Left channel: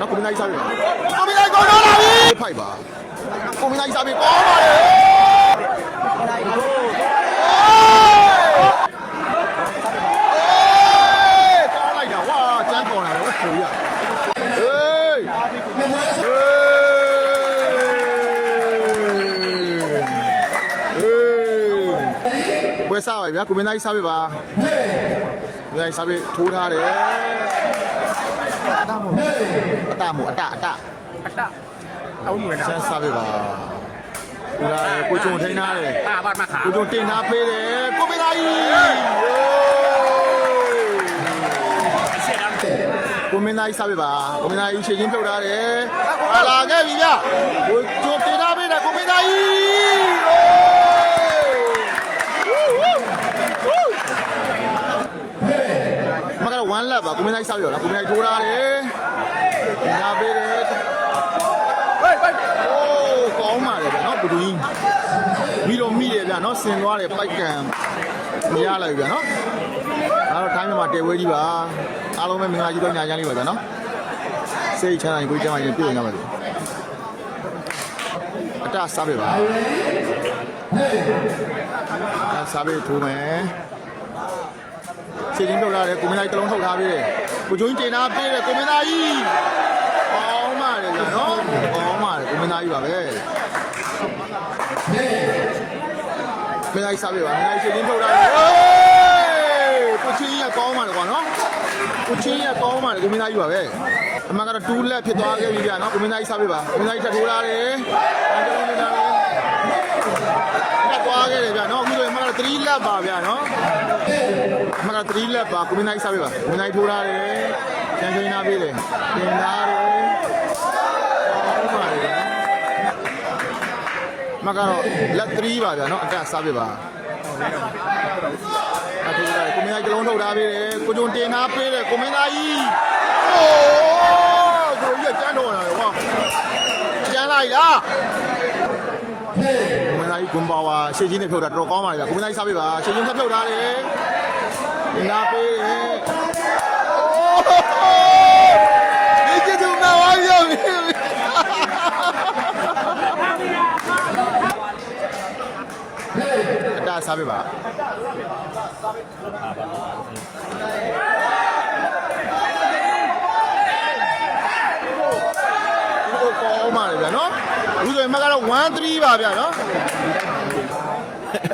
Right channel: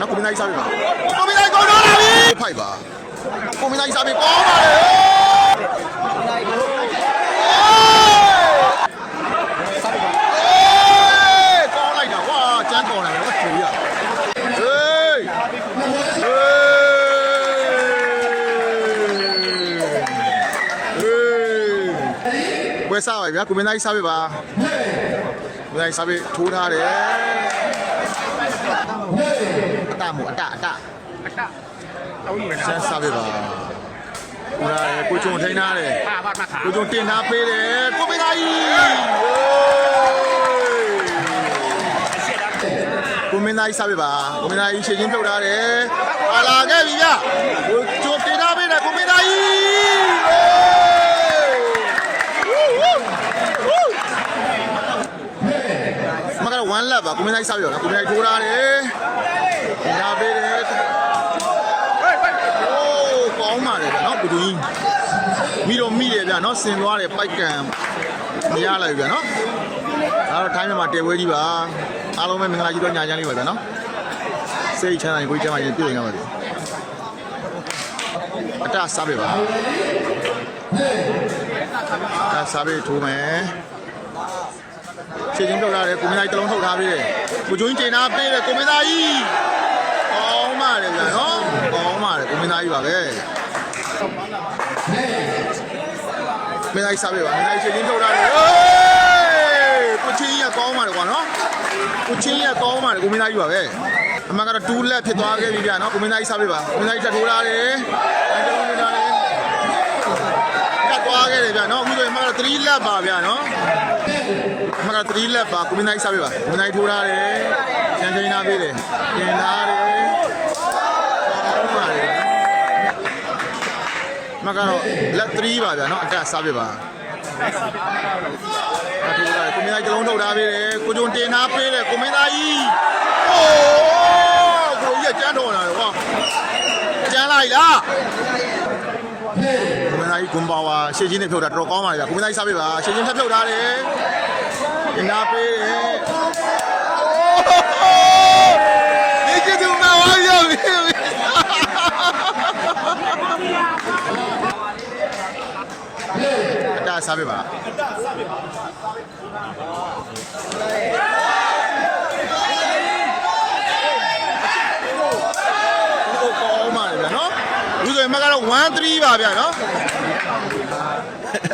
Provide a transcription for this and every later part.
နော်ကိုမင်းသားကြီးစားပြီပါကိုမင်းသားကြီးကောင်းတော့လာပြီဖိုက်ပါကိုမင်းသားကြီးစားပြီကောင်းပါလေကောင်းလိုက်တာဝါကျန်းကောင်းလာတယ်ဝတ်ချူရဟေးဝယ်စားပါဗျာကိုမင်းသားကြီးစားပြီပါကိုမင်းသားကြီးစားပြီထိုးထားတယ်အတမို့အတအောင်းနေစမ်းစားပြပါဦးလာတယ်ကိုကျုံထိန်းထားတယ်ကိုကျုံတင်ထားပေးတယ်ကိုမင်းသားကြီးကိုမင်းသားကြီးစားပြပါကိုမင်းသားကြီးရှေ့ချင်းပြုတ်ထားတယ်ဟာလာခဲ့ပြီဗျကိုကျုံတင်ထားပေးတယ်ကိုမင်းသားကြီးမကတော့1 lap ပါကိုမင်းသားကြီးစားပြတော့နော်ကိုမင်းသားကြီးထိုးထားတယ်တင်ထားပေးတယ်ကောင်းပါတယ်ဗျာနော်ဘဒူကြီးမိတော့မိတယ်ဗျာနော်ဆင်သွားတယ်ပိုက်ကံမရလိုက်ဗျာနော်ဒါတော့ထိုင်းမြန်မာတဲပွဲကြီးပါအားလုံးပဲမင်္ဂလာကြီးတော့ညာချမ်းလေးပါဗျာနော်စိတ်ချမ်းသာရင်ကိုကြီးချမ်းသာရင်ပြည့်စုံကြပါစေအတစားပဲပါအစားပဲထိုးမယ်ခြေချင်းပြုတ်လာတယ်ကိုမင်းသားကြီးတလုံးထုတ်ထားပေးတယ်ကိုကျိုးကြီးတင်ထားပေးတယ်ကိုမင်းသားကြီးကောင်းပါတယ်ဗျာနော်ကောင်းပါတယ်ကိုမင်းသားကြီးပါပဲမင်းသားကြီးစားပြပါမင်းသားကြီးချင်းထုတ်တာလေဟေးကိုချင်းကြီးကကောင်းပါတယ်ကွာနော်ကိုချင်းကြီးကကောင်းပါတယ်ကိုမင်းသားကြီးပါပဲအမှန်ကတော့2 လက်ဖြစ်သွားခဲ့ပြီဗျာနော်ကိုမင်းသားကြီးစားပြပါကိုမင်းသားကြီးထပ်ထိုးထားတယ်အဲတလုံးနေထားတယ်ကတ်သွားခဲ့တယ်ဗျာနော်အခုဆိုရင်အမှန်ကတော့3 လက်ပါဗျာနော်အမှန်ကတော့3 လက်ပါကိုမင်းသားကြီးစားပြပါကိုမင်းသားကြီးထိုးထားတယ်ကျန်ချင်းနာပေးတယ်တင်ထားတယ်မကတော့လက်3ပါဗျာနော်အတက်စားပြပါအထိုးထားတယ်ကိုမင်းသားကြီးတလုံးထုတ်ထားပေးတယ်ကိုကျုံတင်ထားပေးတယ်ကိုမင်းသားကြီးအိုးကိုကြီးကကျန်းတော်လာတယ်ကွာကျန်းလိုက်လားကိုမင်းသားကြီးဂွန်ပါဝါရှေ့ချင်းနဲ့ဖြုတ်တာတော်တော်ကောင်းပါလေဗျာကိုမင်းသားကြီးစားပြပါရှေ့ချင်းထပ်ဖြုတ်ထားတယ်တင်ထားပေးတယ်ဒီကျသူမဝါရောက်ပြီအတားစားပြပါကိုကောင်းပါလေဗျာနော်အခုဆိုရင်မကတော့1 3ပါဗျာနော်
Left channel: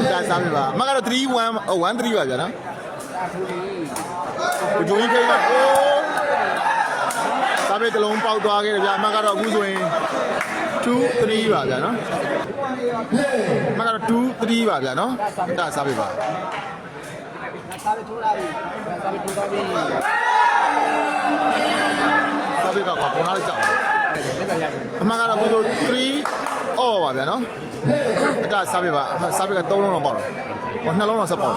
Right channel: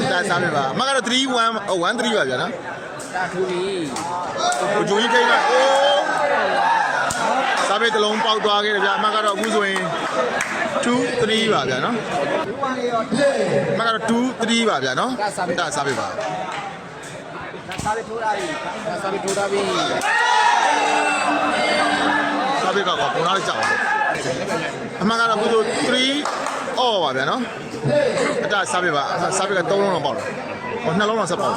အတားစားပြပါမကတော့3 1 1 3ပါဗျာနော်ကိုဂျိုကြီးထိန်းကအိုးစားပြတလုံးပေါက်သွားခဲ့တယ်ဗျာအမကတော့အခုဆိုရင်2 3ပါဗျာနော်မကတော့2 3ပါဗျာနော်အတားစားပြပါစားပြကကွာပုံလာကြောက်အမှန်ကတော့အခုဆို3အော်ပါဗျာနော်အတားစားပြပါစားပြက3လုံးတော့ပေါက်တယ်ဟော2လုံးတော့ဆက်ပေါက်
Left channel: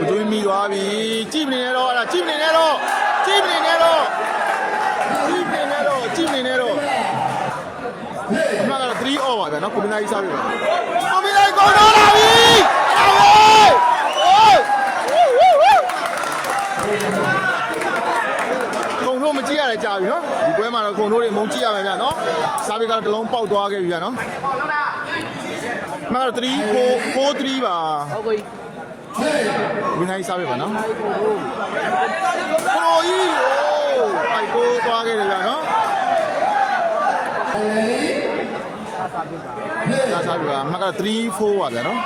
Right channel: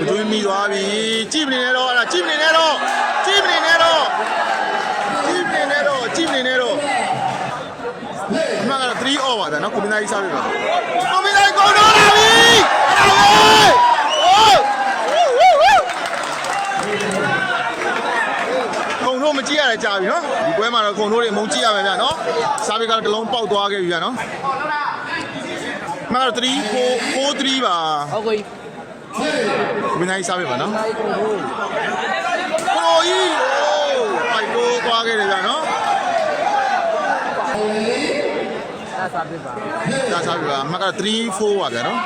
ဘဒူးမီသွားပြီကြည့်မနေနဲ့တော့အဲ့ဒါကြည့်မနေနဲ့တော့ကြည့်မနေနဲ့တော့ကြည့်မနေနဲ့တော့ကြည့်မနေနဲ့တော့အမှန်ကတော့3 off ပါဗျာနော်ကိုမင်းသားကြီးစားပြပါကိုမင်းသားကြီးကောင်းတော့လာပြီအဲ့ဒါပဲခုံတို့မကြည့်ရတဲ့ကြာပြီနော်ဒီပွဲမှာတော့ခုံတို့တွေမုံကြည့်ရမယ်ဗျာနော်စားပြကတော့တစ်လုံးပေါက်သွားခဲ့ပြီဗျာနော်အမှန်ကတော့3 4 3ပါဟုတ်ကဲ့ဝင်းနိုင်စားပြပါနော်ခရိုကြီးအိုက်တိုးသွားခဲ့တယ်ဗျာနော်ဒါစားပြပါမက3 4ပါဗျာနော်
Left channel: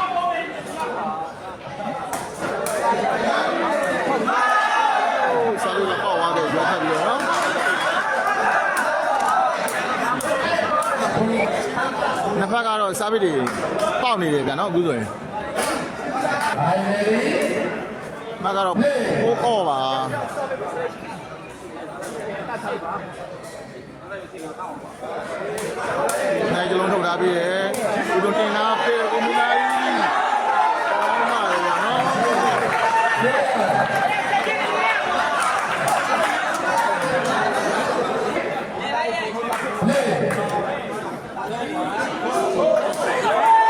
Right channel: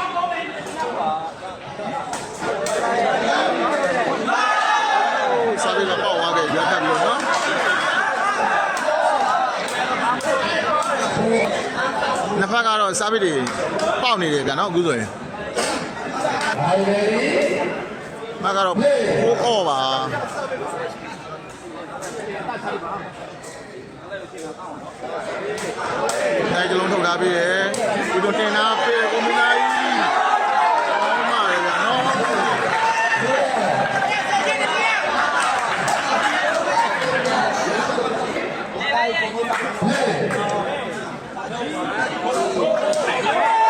စားပြပါပေါ့သွားခဲ့ရွက်ထပ်ပြီးတော့နော်နှစ်ဖက်ကတော့စားပြတွေပေါက်နေတယ်ဗျာနော်အခုဆိုရင်မကတော့ပိုးအော်ပါနိုင်ကြလုံးထုတ်ထားပြီးတယ်ကိုတို့တင်ထားပေးတယ်ကိုမင်းသားကြီးကောင်းပါလေဗျာနော်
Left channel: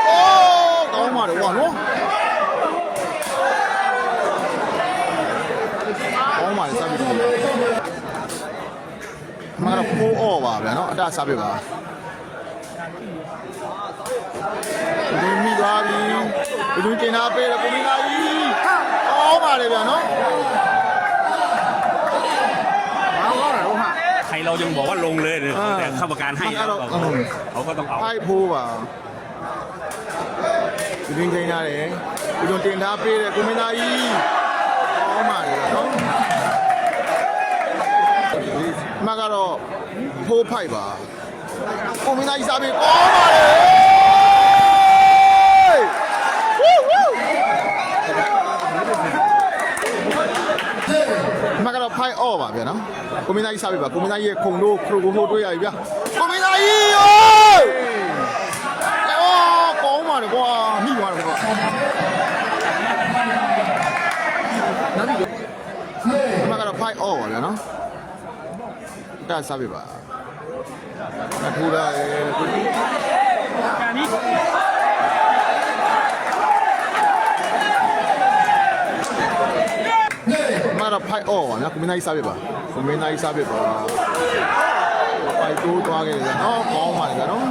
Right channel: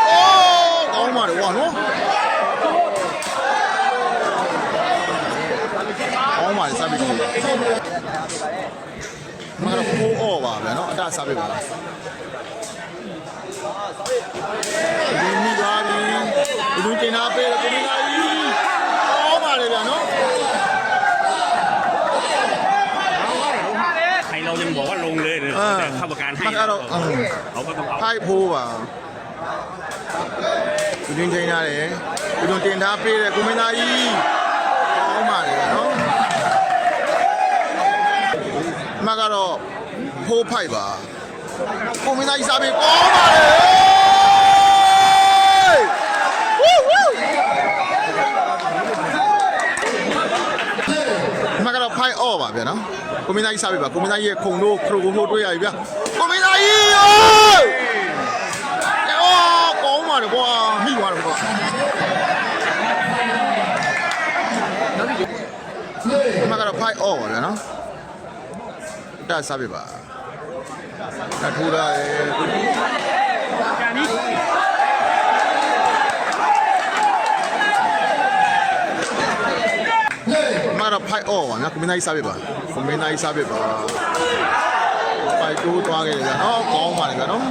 အိုးကောင်းပါလေဝါနော်ကောင်းပါလေစားပြီး မကတော့ဖိုးအော်ပါဗျာနော်အတစားပြပါဒီမိသွားပြီဘယ်သူတင်တာပေးတယ်ကိုမင်းသားကြီးအော်ပါလေဗျာနော်ใครเรายังบอกว่าลงเลยเนี่ยแต่เข้าประกันให้เขาก็ต้องเอา ဖိုက်ဖိုးပါဒီတင်ချိန်ရတယ်ဒီတင်တင်ထားပေးတယ်ကိုမင်းသားကြီးအော်ပါလေဗျာနော်မကတော့ဖိုးဖိုက်ပါကိုမင်းသားကြီးစားပေးကောင်းပါလေမကတော့ဖိုက်အော်ပါဗျာနော်ကိုမင်းသားကြီးစားပေးပါကိုမင်းသားကြီးရဲ့ခုံတို့ခရိုကိုထိုးတွေ့ရပြီဗျာကိုမင်းသားကြီးအော်ကောင်းပါလေကွာမိသွားတယ်ကွာမကတော့ဖိုက်အော်ပါဗျာနော်ဒါစားပေးပါဒါထိုးရတယ်ကိုကြီးမကတော့ဖိုက်အော်ပါနော်ကွန်မင်းသားကြီးစားပေးပါကွန်မင်းသားကြီးစားပေးပါဖိုက်တိုးသွားခဲ့တယ်ဗျာနော်ကောင်းပါလေဗျာနော်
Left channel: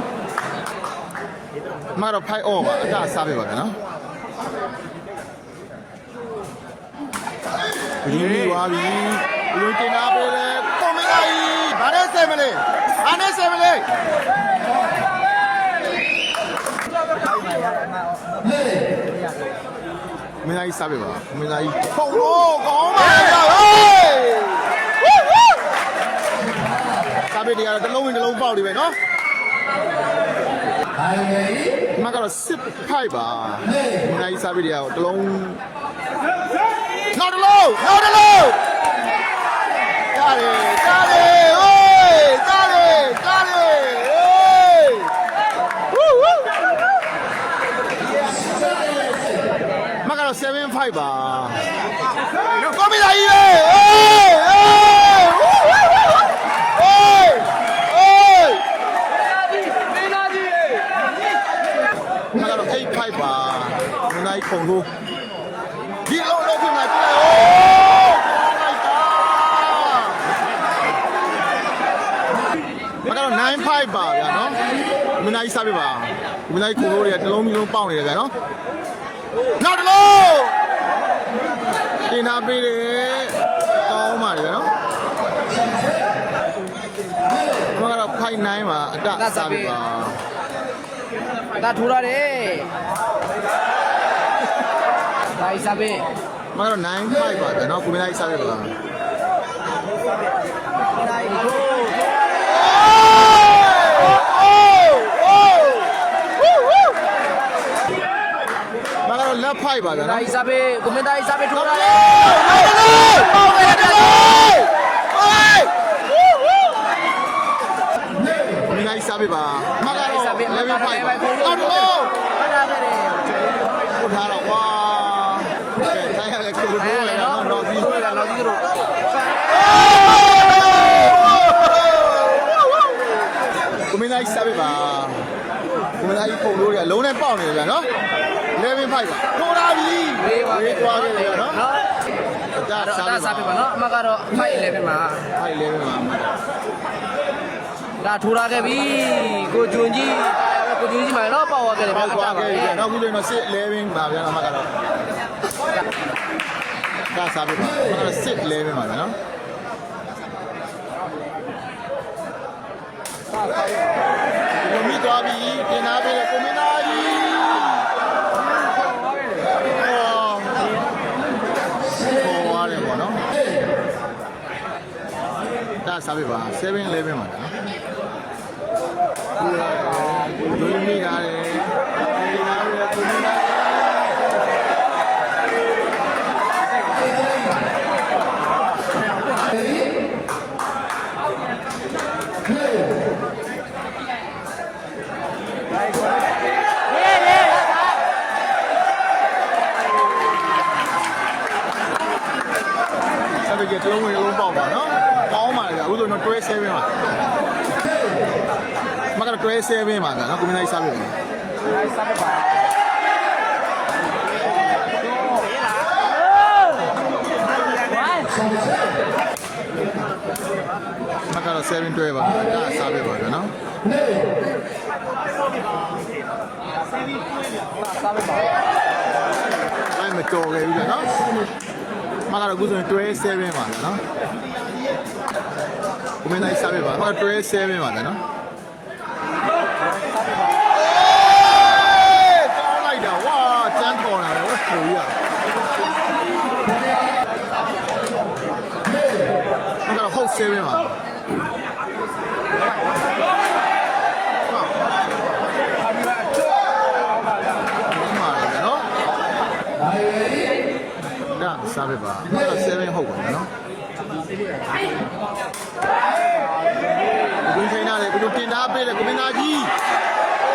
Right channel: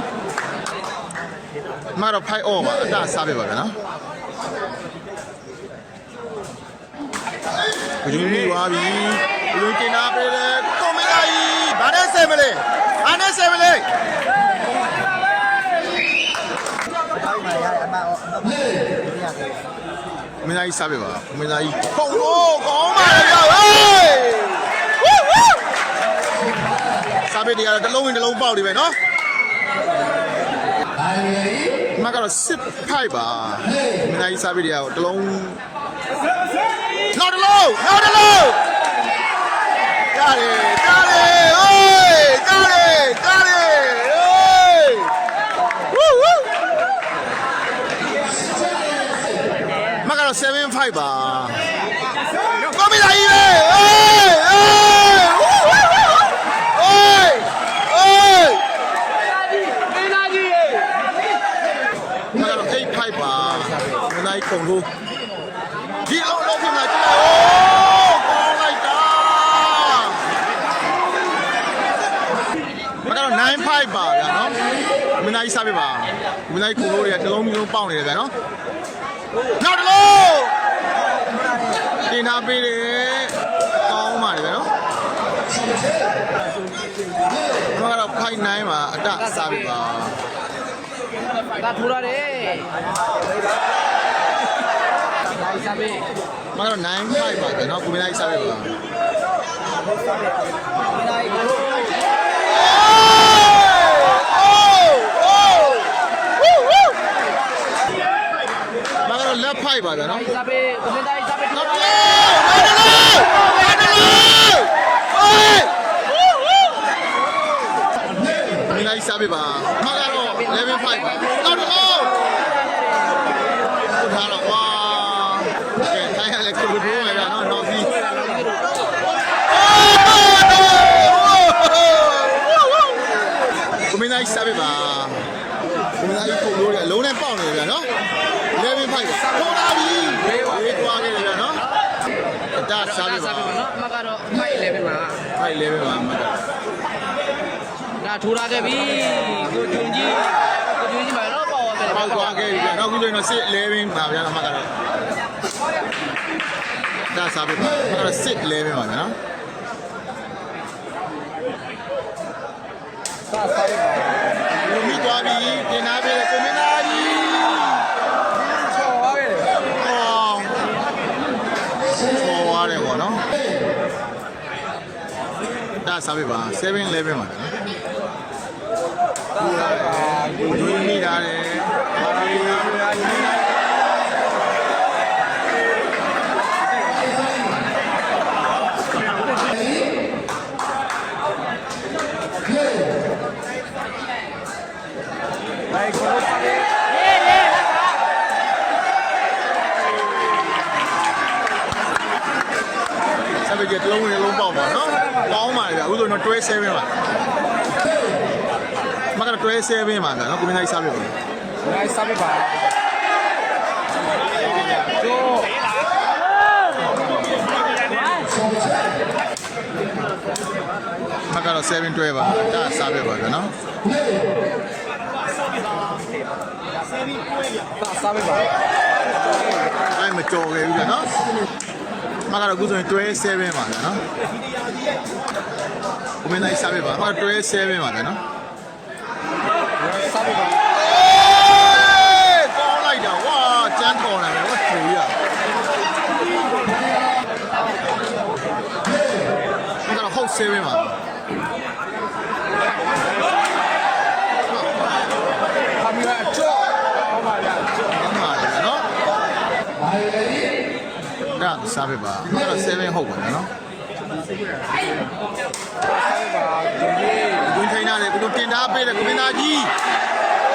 မကတော့ဖိုက်အော်ပါအတစားပေးပါဗျာနော်ဘယ်လိုမျိုးသွားပြီဘယ်လိုတင်တာပေးလဲကွန်မင်းသားကြီးဘာနဲ့ဆယ်မလဲဘာနဲ့ဆယ်မလဲမင်းသားကြီးစားပေးပါမင်းသားကြီးခုံတော့ကောင်းပါလေဗျာဟေးစားပေးတရားတစ်လုံးဝင်တစ်လုံးပေါက်နေပဲနော်မကတော့စစ်ဖိုက်ပါမင်းသားကြီးစားပေးတရားတစ်လုံးနောက်တစ်လုံးရတယ်ဟေးရတယ်မကတော့7-5ပါကောမီလာကြီးပဲမကတော့8-5ပါမင်းသားကြီးခုံထိုးဒီလုံးဖြစ်မှာကြည့်လိုက်ကောင်းလိုက်တာမကတော့9-5ပါဗျာနော်မင်းသားကြီးစားပြပါမင်းသားကြီးခုံထိုးတွေကတစ်လုံးမျိုးပေါက်နေတယ်ဗျာနော်နောက်တစ်လုံးတင်နာပေးတယ်ကောင်းပါလေဗျာနော်မကတော့ခိုင်9ပါအတစားပြပါဒါထူရတယ်ဒါစားပေးမကတော့9-5ပါဗျာနော်ကိုမင်းသားကြီးစားပြပါလက်ဖိုက်ပါဗျာနော်ဒါစားပေးကွန်မန်တာစားပေးထူနောက်တတစ်လုံးမင်းလိုက်စားပေးပါမကတော့11-5ပါနောက်တစ်လုံးပို့ထားတော့ဝါကဲတိုင်းရလဲကိုထိုးရတာနော်နောက်ပြီးကိုမင်းလိုက်စားပေးပါကိုမင်းလိုက်ပုံလို့ရအလုံးနဲ့ပေါက်နေတယ်ဗျာနော်11-5ပါထိုးလာပြီဝေးသွားခဲ့တယ်ဗျာနော်ဒါစားပေးပါနော်အမကတော့ဖိုက်11ပါဖိုက်11ပါအမကတော့ဒါထူလာခဲ့ပြီကိုကျွန်းကြီးမှာတော့ပေါက်ခဲ့တယ်ပေါက်သွားခဲ့ပြီဗျာနောက်ခုဆိုရင်တော့11ပါဗျာအမကတော့ဒါစားပေးပါအမကတော့11ပါဗျာနော်လူမိသွားပြီတင်နာပေးတယ်ကိုမင်းသားကြီးတယ်ပေါ့နော်ဒါစားပြပါ7-11ပါနော်ပူရတယ်ဒွေးမိရတယ်ဆက်ပြီးတစ်လုံးဝင်တစ်လုံးပေါက်ပါနော်ကောင်းပါလေဗျအခုဆိုတော့တွဲ7ပါမကတော့တွဲ7ပါဗျနော်ကိုမင်းသားကြီးစားပြပါစားပြပါ မကတော့7တွဲပါဒါစားပဲပါဗျာနော်အဲ့မတော်ခဲ့ဘူးဗျာနော်မကတော့အခုဆိုရင်တွဲ7ပါဗျာနော်ကိုမင်းသားစားပဲပါမကတွဲ7ပါဗျာနော်ကောင်းလိုက်တာဝါကျန်းတော်လာတယ်ဝတ်ထူရမကတော့ဟုတ်7ပါဒါစားပဲပါအဲ့တော့7ဟုတ်ပါနော်ကိုထိုင်လာတယ်ကိုတင်ထားပေးတယ်ကိုမင်းသားကြီး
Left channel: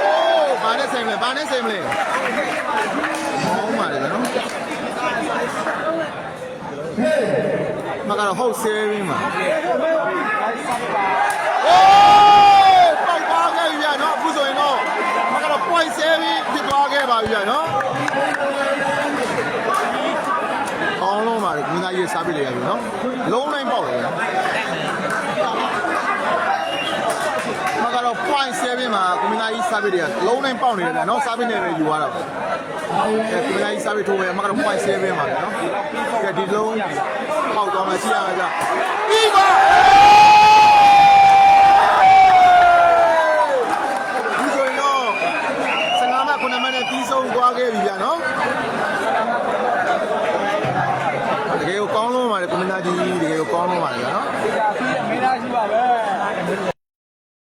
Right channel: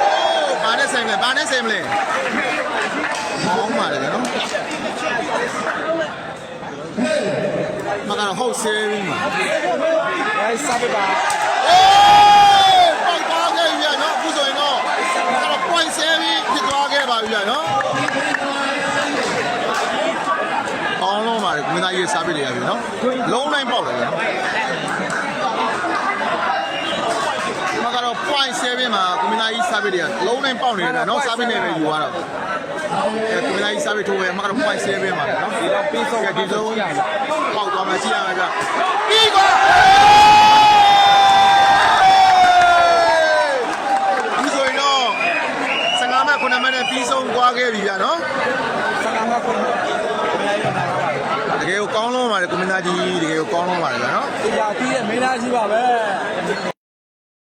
အိုးဘာနဲ့ဆိုင်မလဲဘာနဲ့ဆိုင်မလဲမောင်းပါလေနော်မကတော့ဟုတ်7ပါအိုးပေါက်သွားခဲ့ပြီနော်အခုဆိုရင်တော့မကတော့ point 7ဖြစ်သွားခဲ့ပါပြီနော်ကောင်းလုံးပါတယ်ကိုမင်းသားကြီးစားပြလေရပြီနော်လုံးတိုင်းပေါက်တယ်နော်မကတော့ point 7မှာကိုမင်းသားကြီးစားပြလေရလုံးတိုင်းပေါက်နေတယ်နော်စားပြနေပဲယူရတော့ကိုမင်းသားကြီးစားပြထိုးပဲမကတော့ point 7မှာပဲနော်ကဲဒီဆုံးပေါက်သွားမှကြည့်ရမှာကြပြီးကွာဒီဆိုရင်တော့15မှတ်9မှတ်နဲ့ပြီးဆုံးသွားခဲ့ပြီဗျာနော်တကယ်ကိုကောင်းလုံးပါတယ်ကိုမင်းသားကြီးတကယ်ကိုကောင်းလုံးပါတယ်ဗျာနော် ပြီးတဲ့မင်းသားရှိပါ